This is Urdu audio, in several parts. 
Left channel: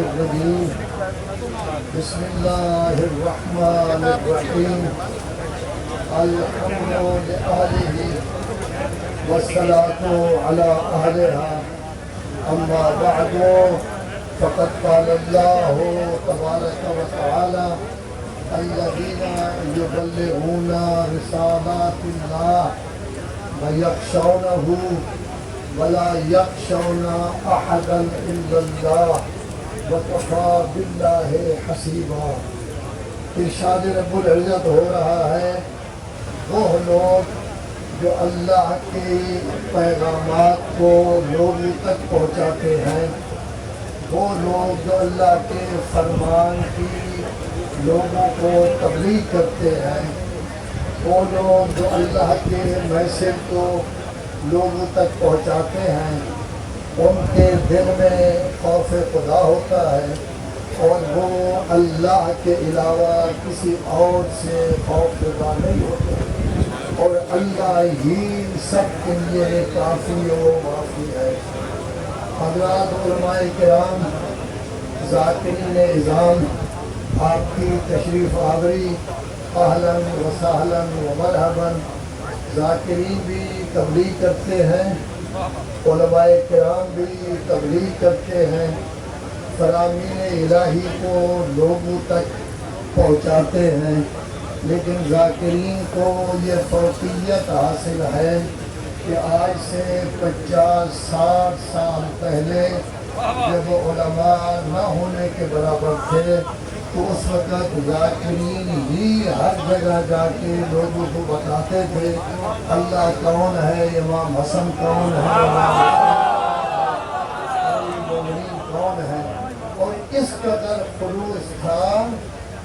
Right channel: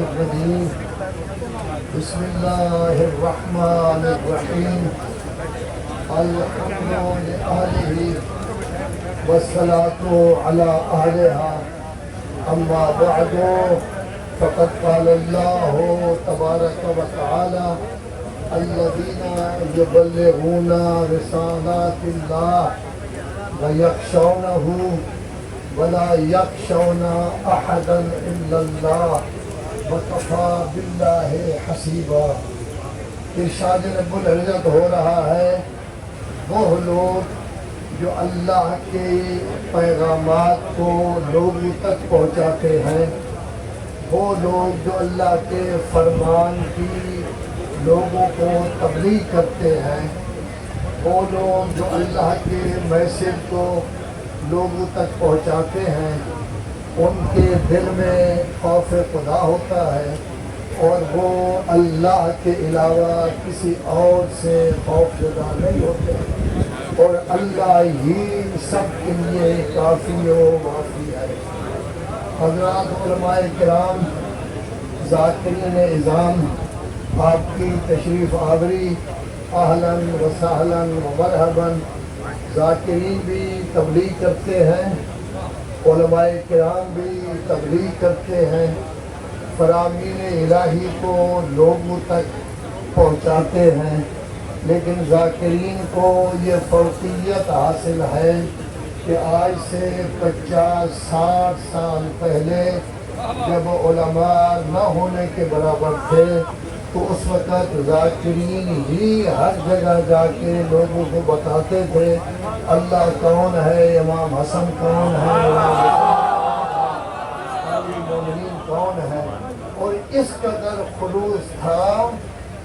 الرجيم بسم الله الرحمن الرحيم الحمد لله والصلاة على أهلها أما بعد فقد قال الله تبارك وتعالى الذين يبلغون رسالات الله ويخشونه ولا يخشون أحدا إلا الله وكفى بالله حسيبا۔ ارشاد رب العزت ہو رہا ہے وہ لوگ جو اللہ کے پیغامات کو لوگوں تک پہنچاتے ہیں، وہ لوگ جو اللہ کے فرمان کی لوگوں کو تبلیغ کرتے ہیں، وہ لوگ جو اللہ کے میسج کو لوگوں تک پہنچاتے ہیں، ان کے دل میں خوف خدا ہوتا ہے اور وہ اللہ کے علاوہ کسی اور سے خوف زدہ نہیں ہوتے، اور اللہ ہی سب کے لیے کافی و وافی ہے۔ حضرات علماء کرام، ذاکرین اعظام، آپ کی تشریف آوری اہلاً و سہلاً و مرحباً۔ ذاکرین بھی تبلیغ کرتے ہیں، علماء کرام بھی تبلیغ کرتے ہیں، فرامین الہی کو لوگوں تک پہنچاتے ہیں، لیکن ذاکرین کو یہ فوقیت حاصل ہے کہ آج سے 50-60 سال پہلے جب علماء نہ ہونے کے برابر تھے تو اس وقت ذاکرین ہی ہر جگہ جا کے لوگوں کو بتاتے تھے اللہ کون ہے، امام حسن کون ہے، مومنین کون ہے۔ اور اس قدر خلوص تھا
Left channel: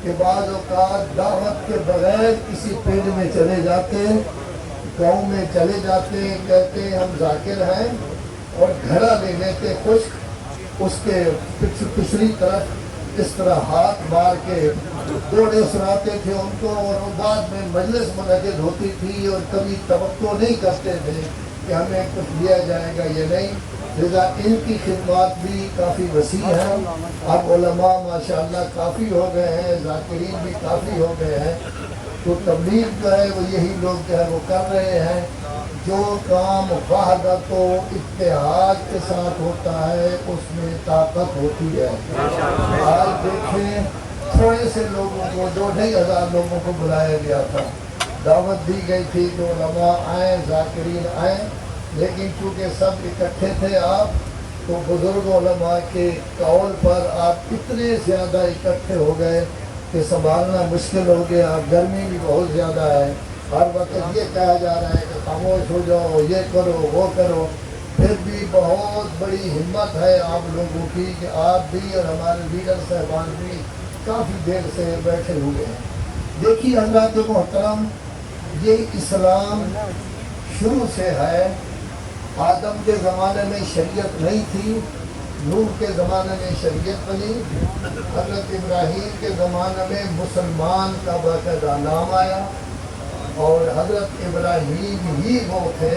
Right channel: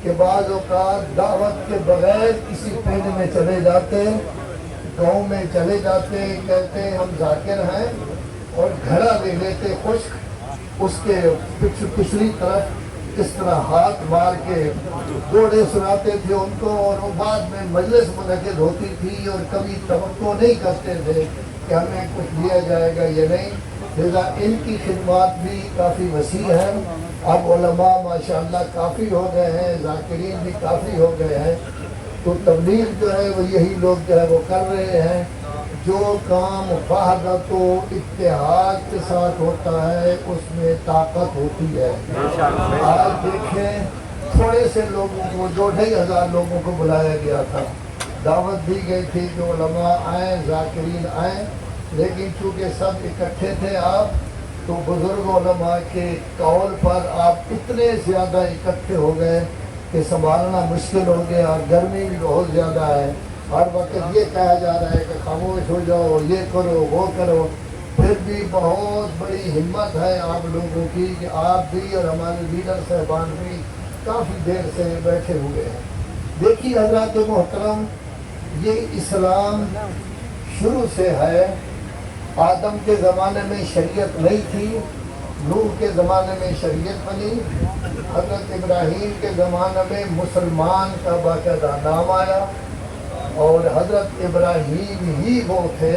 کہ بعض اوقات دعوت کے بغیر کسی پنڈ میں چلے جاتے، گاؤں میں چلے جاتے، کہتے ہیں ہم ذاکر ہیں، اور گھڑا لے لیتے خشک، اس کے پچھلی طرف اس طرح ہاتھ مار کے کوڑے سناتے تھے ان کو، اور بعد میں مجلس منعقد ہوتی تھی اور کبھی توقع نہیں کرتے تھے کہ ہمیں کچھ دیا جائے گا یا نہیں۔ لہذا ان کی خدمات بھی کافی وسیع ہے۔ اب علماء ماشاءاللہ کافی ہو گئے ہیں، ذاکرین بھی کافی ہو گئے ہیں، تو تبلیغ جو ہے وہ یہی لوگ جو ہے وہ کر رہے ہیں۔ جو کام وحدت و اتحاد کے ساتھ ہوتا ہے اس میں طاقت ہوتی ہے۔ آج دیکھیں تھوڑے سے لوگوں کو، 2,500 لوگوں کو بلایا گیا تھا، دعوت دی گئی تھی کہ علماء آئیں، ذاکرین آئیں، لیکن چونکہ سب اکٹھے تھے آپ، تو بزرگ علماء کے قول پر آپ اتنے زیادہ اکٹھے ہو گئے کہ سنبھالنا مشکل ہو گیا۔ گرمی بھی بہت زیادہ ہے، ہر وقت یہ کہا جا رہا ہے کہ خاموش ہو جاؤ، یہ کرو وہ کرو۔ پھر بھی بہت بڑی ہمت ہے آپ لوگوں کی کہ آپ بھی اور ہمارے لیڈر صاحبان بھی کافی دیر سے بیٹھے ہوئے ہیں۔ دیکھیے حضرات محترم، یہ اسلام شروع سے ہے۔ آدم کے زمانے میں شریعت نہیں تھی، نوح کے زمانے میں شریعت بنی، حضرت ابراہیم کے زمانے میں مسلمان کا باقاعدہ نام آیا، اور حضرت ابراہیم ہی وہ تھے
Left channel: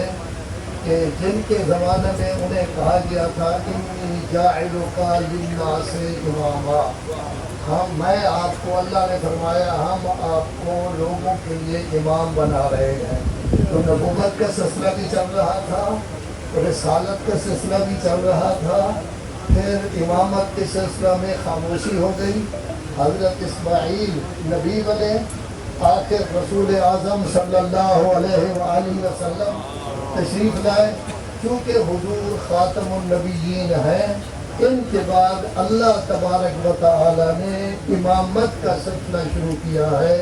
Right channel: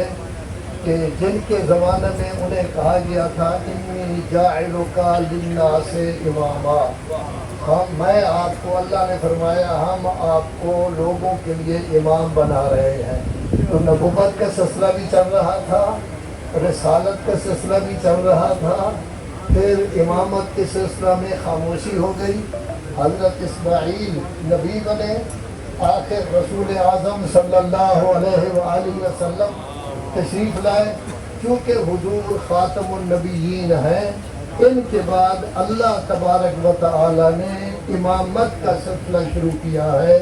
کہ جن کے زمانے میں انہیں کہا گیا تھا انی جاعلک للناس اماما، میں آپ کو، اللہ نے فرمایا ہم آپ کو لوگوں کے لیے امام بنا رہے ہیں۔ تو نبوت کا سلسلہ بھی چل رہا تھا، رسالت کا سلسلہ بھی چل رہا تھا، پھر امامت کے سلسلہ میں خاموشی ہو گئی۔ حضرت اسماعیل نبی بنے، آخر رسول اعظم صلی اللہ علیہ وآلہ وسلم تشریف لائے۔ کیونکہ حضور خاتم النبیین ہیں، ان کے بعد اللہ تبارک و تعالی نے امامت کا سلسلہ شروع کیا ہے،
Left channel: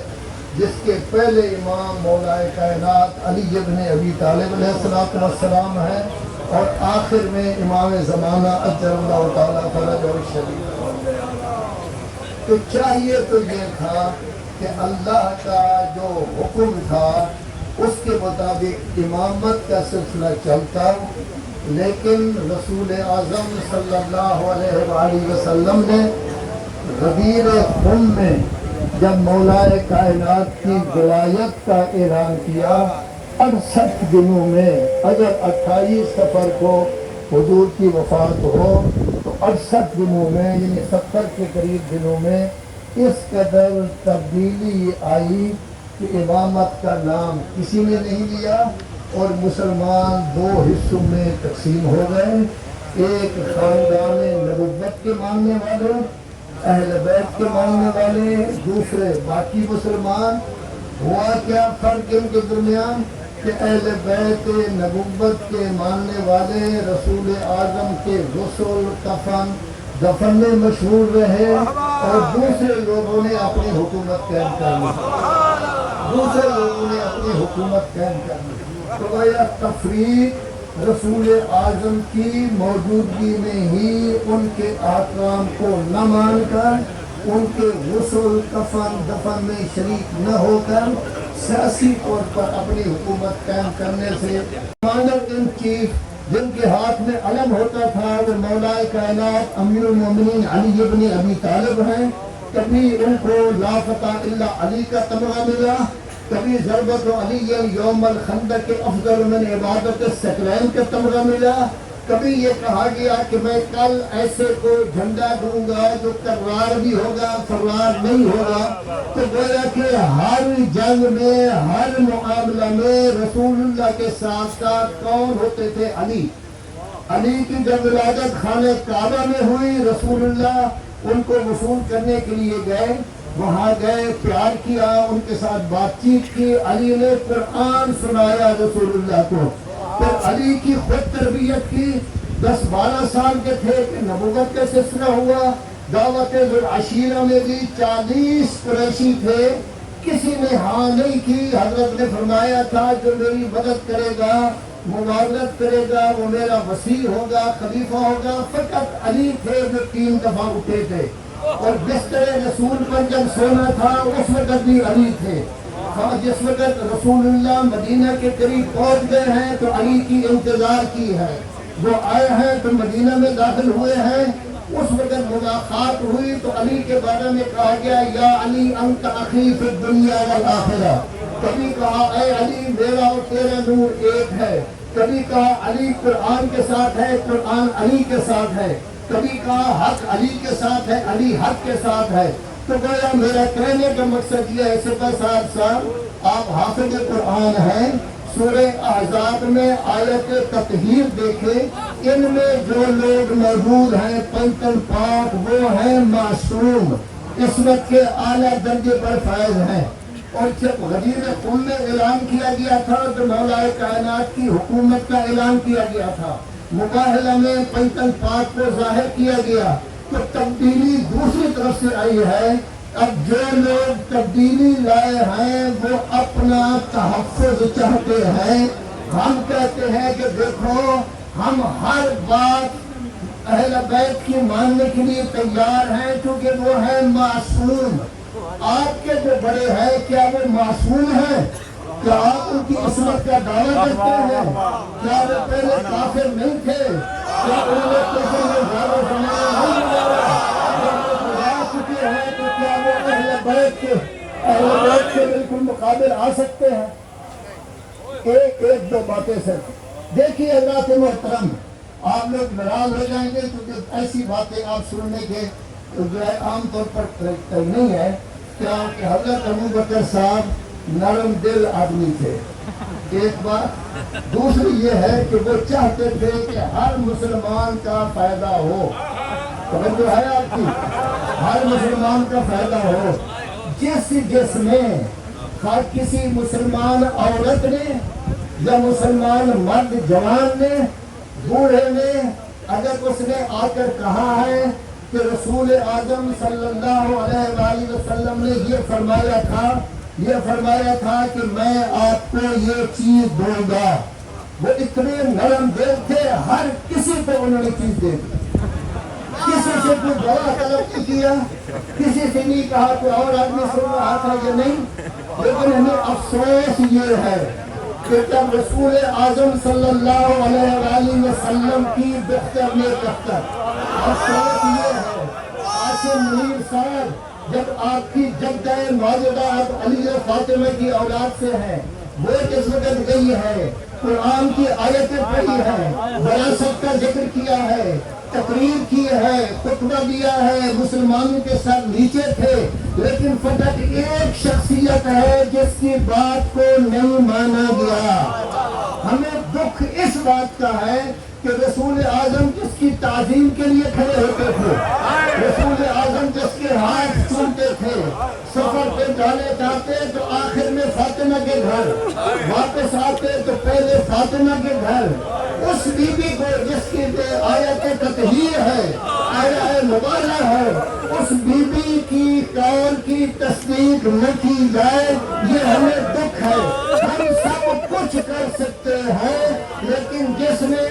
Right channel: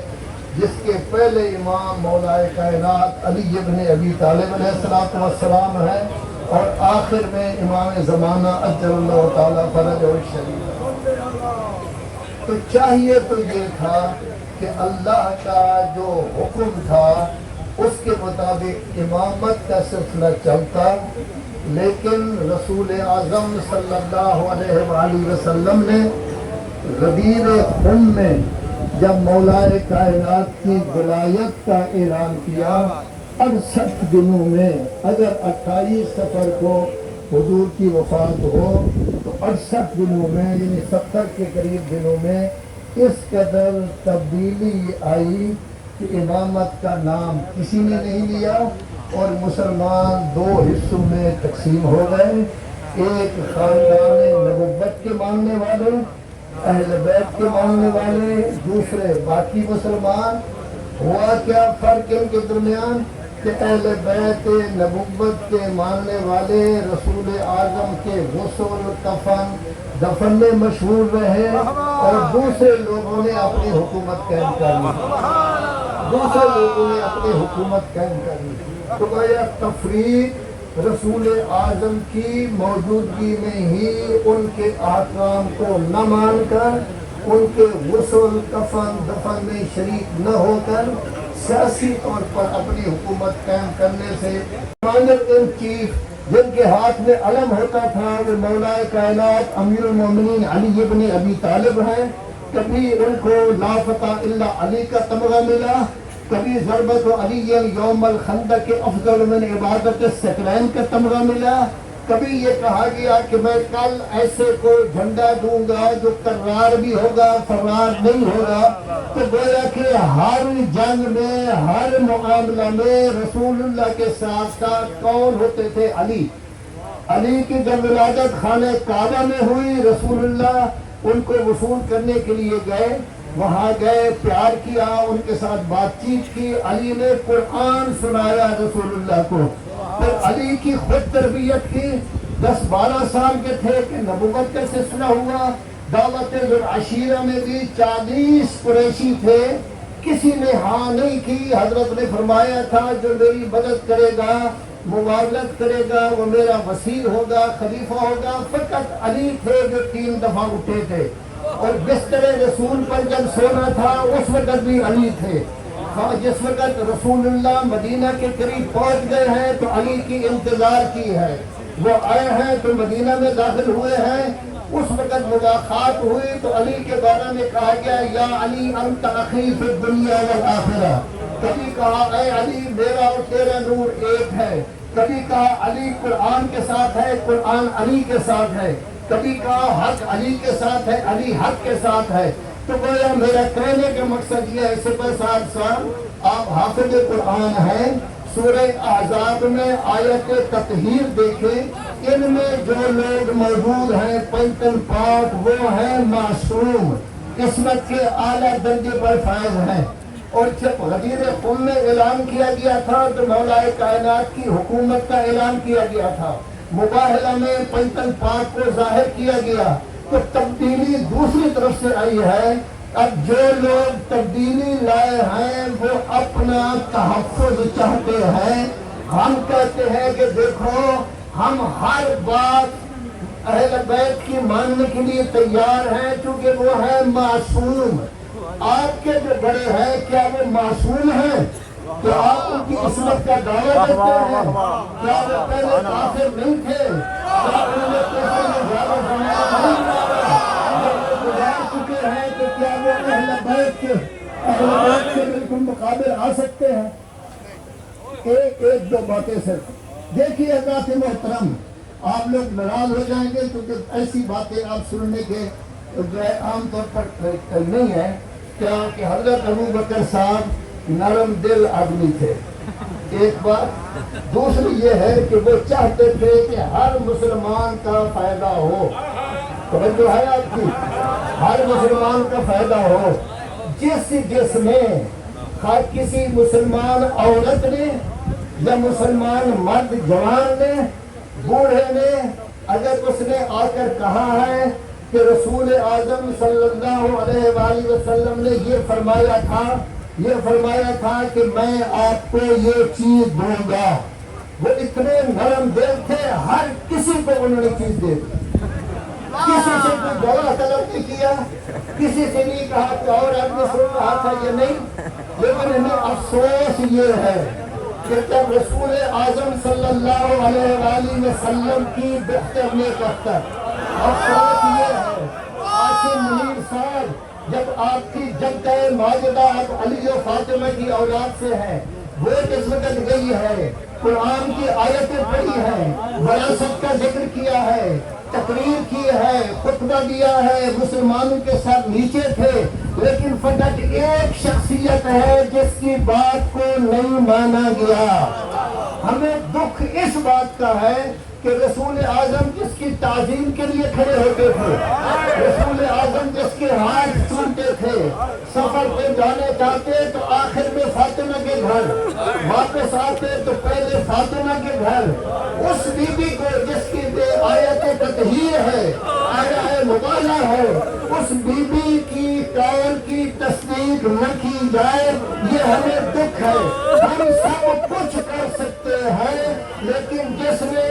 جس کے پہلے امام مولا کائنات علی ابن ابی طالب علیہ السلام ہے، اور آخر میں امام زمانہ اجل اللہ تعالیٰ فرجہ الشریف۔ تو چاہیے تو یہ تھا کہ اللہ کا جو حکم تھا اس کے مطابق امامت کا سلسلہ چلتا، لیکن رسول اعظم صلی اللہ علیہ وآلہ وسلم نے غدیر خم میں جب مولا کائنات کی ولایت کا اعلان کیا، 68 دنوں میں اگر 28 سفر کو حضور کی وفات ہو تو 68 دنوں میں یعنی 70 کے قریب دنوں میں اس قدر تبدیلی آئی کہ امامت کا نام کسی نے نہیں لیا اور مسلمان دو حصوں میں تقسیم ہو گئے، ایک خاندان نبوت کے ماننے والے، اہل بیت کے ماننے والے، دوسرے باقی مسلمان۔ ہوا کیا فرق ان کے درمیان کہ اہل بیت نبوت کے ماننے والے رسول اعظم کے غسل، کفن، دفن میں مشہور رہے اور دوسرے لوگوں نے اپنی حکومت قائم کر لی۔ تو آیا تفریق رسول اعظم کی موجودگی میں ہی ان کے احکام کو نہ مان کر، ان کے غسل، کفن، دفن میں شریک نہ ہو کر سیاسی طور پر اپنی حکومت قائم کرنے سے کمانڈر ان چیف جن کے ہاتھ میں علم ہوتا تھا وہ مولا کائنات امیر المومنین علی ابن ابی طالب ہیں۔ کبھی ان کو لا فتح الا علی کا تمغہ ملا، کبھی ضربت علی یوم الخندق افضل من عبادت الثقلین کا تمغہ ملا، کبھی یہ کہا گیا کہ میں کل ایسے کو جھنڈا دوں گا جو کرار بھی ہوگا فرار نہیں ہوگا۔ تو گویا کہ ہر جنگ میں، ہر معاملہ میں رسول اللہ کے ساتھ ساتھ کون ہوتے تھے؟ علی کی جب ولادت خانہ کعبہ میں ہوئی، رسول اللہ ان کو وصول کرنے کے لیے گئے، وہاں گئے، پیار کیا، ان کے ساتھ بات چیت کی، علی نے قرآن سنایا رسول اللہ کو۔ پھر علی کی خود تربیت کی، 10-12 سال کے تھے کہ نبوت کا سلسلہ ہوا۔ دعوت ذوالعشیرہ میں بھی 40 قریشی تھے، کسی نے ہاں نہیں کی۔ حضرت نے فرمایا تھا جو میری مدد کرے گا، معاونت کرے گا، وہ میرا وزیر ہوگا، خلیفہ ہوگا۔ فقط علی تھے جو 3 دفعہ اٹھے تھے، اور بستر رسول پر جب سونا تھا اس وقت بھی علی تھے۔ جس وقت رسول اللہ مدینہ کے قریب پہنچ گئے ہیں تو علی کی انتظار کی ہے، وہ آئے ہیں تو مدینہ میں داخل ہوئے ہیں۔ اس وقت ملاقات ہوئی تو علی کے بارے میں کہا گیا یا علی انت اخی فی الدنیا والآخرہ۔ کبھی کہا اے علی میرا اور تیرا نور ایک ہے، کبھی کہا علی قرآن کے ساتھ ہے، قرآن علی کے ساتھ ہے، کبھی کہا حق علی کے ساتھ ہے، علی حق کے ساتھ ہے۔ تو گویا میرا کہنے کا مقصد یہ ہے، سپہ صاحب آپ حافظ قرآن ہیں، سورہ احزاب میں آیت تطہیر دیکھیں، ان میں جو لوگ موجود ہیں 55 پاک وہ ہیں معصوم، عصمت کے اعلیٰ درجے پر فائز ہیں۔ اور جب غدیر قم میں اعلان کیا گیا تھا تو مولا کائنات کی حکومت کا اعلان کیا گیا تھا، مباہلہ میں 55 پاک کو ظاہر کیا گیا۔ تو تبدیلی دوسری طرف سے آئی ہے۔ اب جو لوگ تبدیلی لائے ہیں وہ اپنا تحفظ چاہتے ہیں۔ ہم کہتے ہیں کہ دیکھو ہم ہر بات اہل بیت کی ماننے کے لیے تیار ہیں کیونکہ وہ ہے معصوم۔ آپ کے جو بڑے ہیں کیا وہ معصوم ہیں؟ کیا آپ ان کی عصمت کا دعویٰ کرتے ہیں؟ کیا وہ پہلے کافر نہیں تھے؟ کیا انہوں نے کفر میں زیادہ زمانہ نہیں کیا؟ جب وہ گزار چکے ہیں تو کیا وہ اہل بیت کے بالکل مقابل آ سکتے ہیں؟ ایک دو باتیں صرف دیکھیے حضرات محترم، آپ لوگ ناراض ہو جائیں گے کیونکہ ایسی باتیں آپ سننے کے جو ہے عام طور پر نہیں ہے۔ کیا کہ حضرت ابو بکر صاحب نرم دل آدمی تھے، ایک بات۔ دوسری یہ ہے کہ وہ چاہتے تھے کہ ہر مسلمان کا فائدہ ہو۔ توجہ ہے آپ کی؟ ہر مسلمان کا فائدہ ہو۔ جس میں ہر کسی مسلمان عورت نے یا مسلمان مرد جوان نے، بوڑھے نے، اگر اس نے آ کر کہا ہے کہ رسول اعظم صلی اللہ علیہ وآلہ وسلم نے یہ فرمایا تھا کہ میں آپ کو یہ چیز دوں گا، وہ اتنے نرم دل تھے، ہر کسی کو انہوں نے چیز دے دی۔ کسی سے کوئی گواہ طلب نہیں کیا، کسی سے نہیں کہا کہ اور آدمی سن رہا تھا یہ نہیں۔ لیکن ہمیں افسوس یہ ہے کہ جب رسول اعظم صلی اللہ علیہ وآلہ وسلم کی بختر میں افسوس یہ ہے، عاصم منیر صاحب جب آپ کی جدہ ماجدہ آپ علی و فاطمہ کی اولاد سے ہیں، وہ جس وقت گئی ہے، قرآن کی آیتیں پڑھی ہیں، وراثت کا ذکر کیا ہے، تقریر کی ہے، خطبہ دیا ہے، مسلمانوں کے ساتھ نیچے تھے، لیکن فقط ایک شخصیت ہے جس کی بات کو نہیں مانا گیا۔ ہمیں دکھ اس بات کا ہے کہ رسول اعظم جس کی تعظیم کے لیے کھڑے ہوتے تھے، رسول اعظم جس کے ہاتھ چومتے تھے، سفر پہ جانے جاتے تو آخر میں فاطمہ کے گھر، واپس آتے تو پہلے فاطمہ کے گھر، اس بی بی کو جس کی آیت تطہیر ہے، آیت مبالغہ ہے، اس بی بی کی قول کی تصدیق نہ کی جائے، یہ ہمیں دکھ ہے۔ ہم سب کچھ کر سکتے ہیں، لیکن جس نے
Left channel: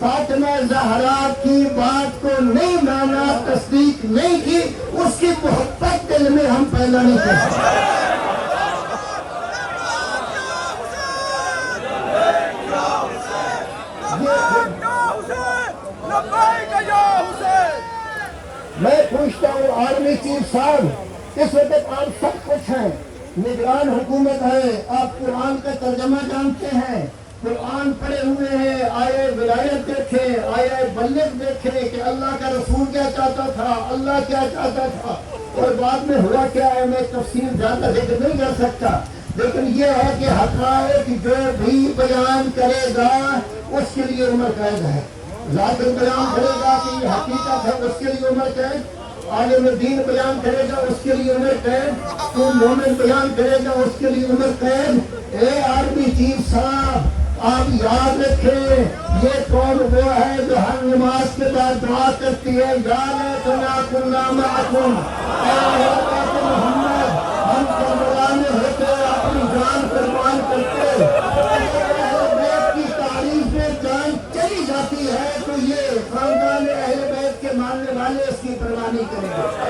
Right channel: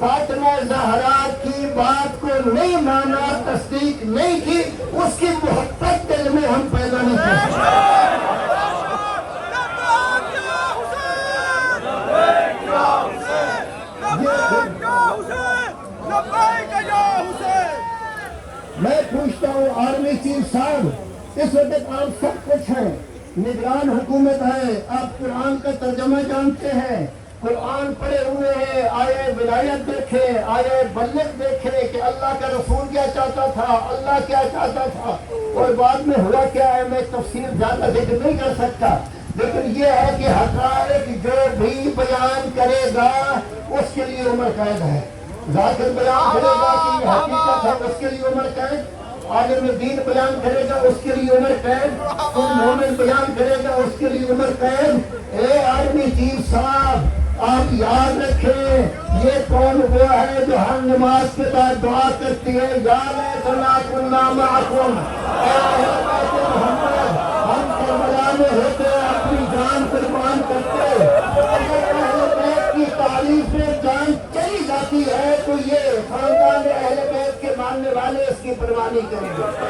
فاطمہ زہرا کی بات کو نہیں مانا، تصدیق نہیں کی، اس کی محبت دل میں ہم پیدا نہیں کر سکتے۔ میں پوچھتا ہوں آرمی چیف صاحب، اس وقت آپ سب کچھ ہیں، نگران حکومت ہے، آپ قرآن کا ترجمہ جانتے ہیں، قرآن پڑھے ہوئے ہیں، آئے ولایت دیکھیں، آئے بلغ دیکھیں کہ اللہ کا رسول کیا چاہتا تھا، اللہ کیا چاہتا تھا، اور بعد میں ہوا کیا ہے میں تفصیل زیادہ ذکر نہیں کر سکتا، لیکن یہ ہے کہ حقائق جو بھی بیان کرے گا اس کے لیے عمر قید ہے۔ ظاہر بیان کرے گا کہ یہ حقیقت ہے، اس کے لیے عمر قید، عالم دین بیان کرے گا اس کے لیے عمر قید، کوئی مومن بیان کرے گا اس کے لیے عمر قید۔ اے آرمی چیف صاحب، آپ یاد رکھیں یہ کون وہ ہے جو ہر نماز کے بعد دعا کرتی ہے، یا لیتنا معکم، ہم کربلا میں ہوتے اپنی جان قربان کرتے، اہل بیت کی تعریف میں جان چلی جاتی ہے تو یہ خاندان اہل بیت کے ماننے والے اس کی پرواہ نہیں کریں گے۔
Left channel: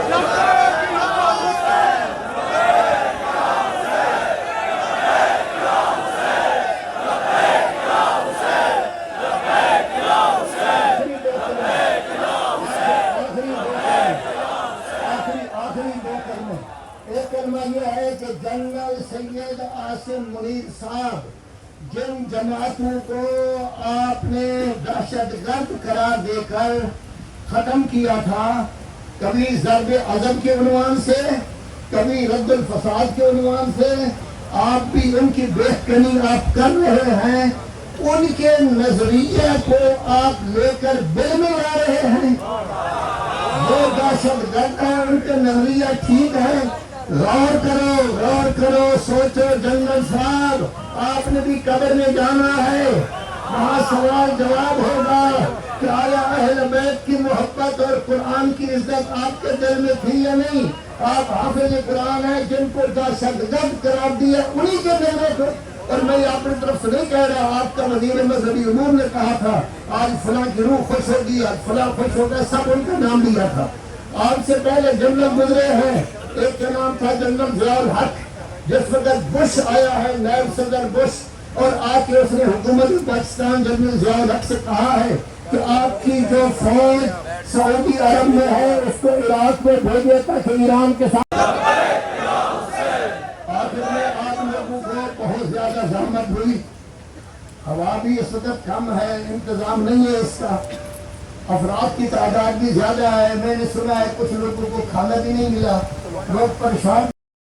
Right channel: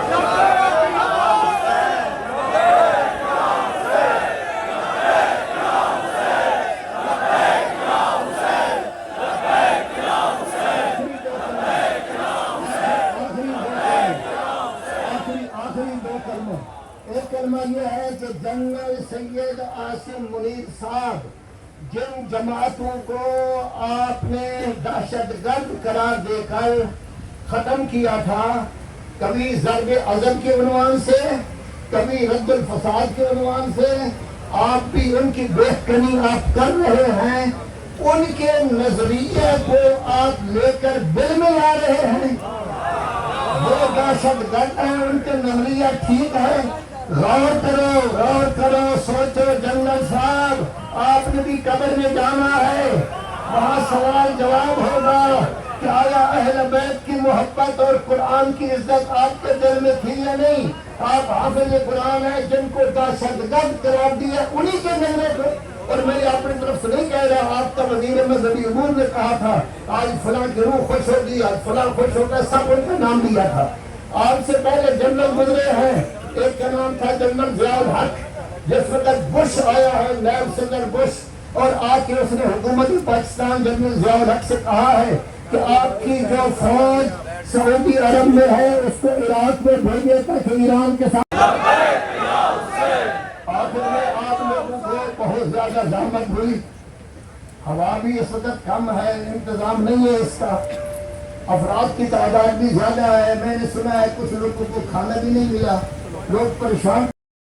ایک کلمہ یہ ہے کہ جنرل سید عاصم منیر صاحب، جن جماعتوں کو آپ نے دہشت گرد قرار دے کر ختم کیا تھا، کبھی ضرب عضب کے عنوان سے، کبھی رد الفساد کے عنوان سے، آپ بھی ان کی بہتری آپ کر رہے ہیں، ان کے نظریے کو آپ لے کر بل میں لا رہے ہیں۔ وہ دہشت گرد ہیں، ان کے نظریہ ٹھیک ہے، غور کرو، سوچو جنرل صاحب، آپ نے بھی قبر میں جانا ہے، وہاں سوال جواب ہوگا کہ آیا اہل بیت کی محبت اور قرآن کی عزت آپ کے دل میں تھی یا نہیں؟ آپ حافظ قرآن ہیں، جن کو دہشت گرد قرار دیا انہی کے دل میں تھے۔ اور میں اپنی طرف سے نہیں کہہ رہا، آپ کا وزیر مذہبی امور نے کہا تھا آج فلاں کی روح خوش ہوگی، آج فلاں خوش ہوگا، سب ان کا نام لیا تھا۔ آپ سے پہلے جنرل گزرے ہیں، ایک کا نام تھا جنرل ضیاء الحق، جس وقت بش آیا ہے، نائب صدر بش، اور آ کے اس نے حکومت پاکستان جنرل ضیاء الحق سے کہا ہے کہ آپ کی جو فوج سعودی عرب میں ہے اس کو عراق میں بھیجے تاکہ ایران کے ساتھ۔ آخر میں آپ لوگوں کو بہت زیادہ زحمت ہوئی، ہوا بھی اس وقت کم ہے، انتظام نہیں ہے اس کا، افراد کی تعداد بھی زیادہ ہے، میں نے سنا ہے کچھ لوگوں کو کھانا بھی نہیں ملا، لوگ پریشان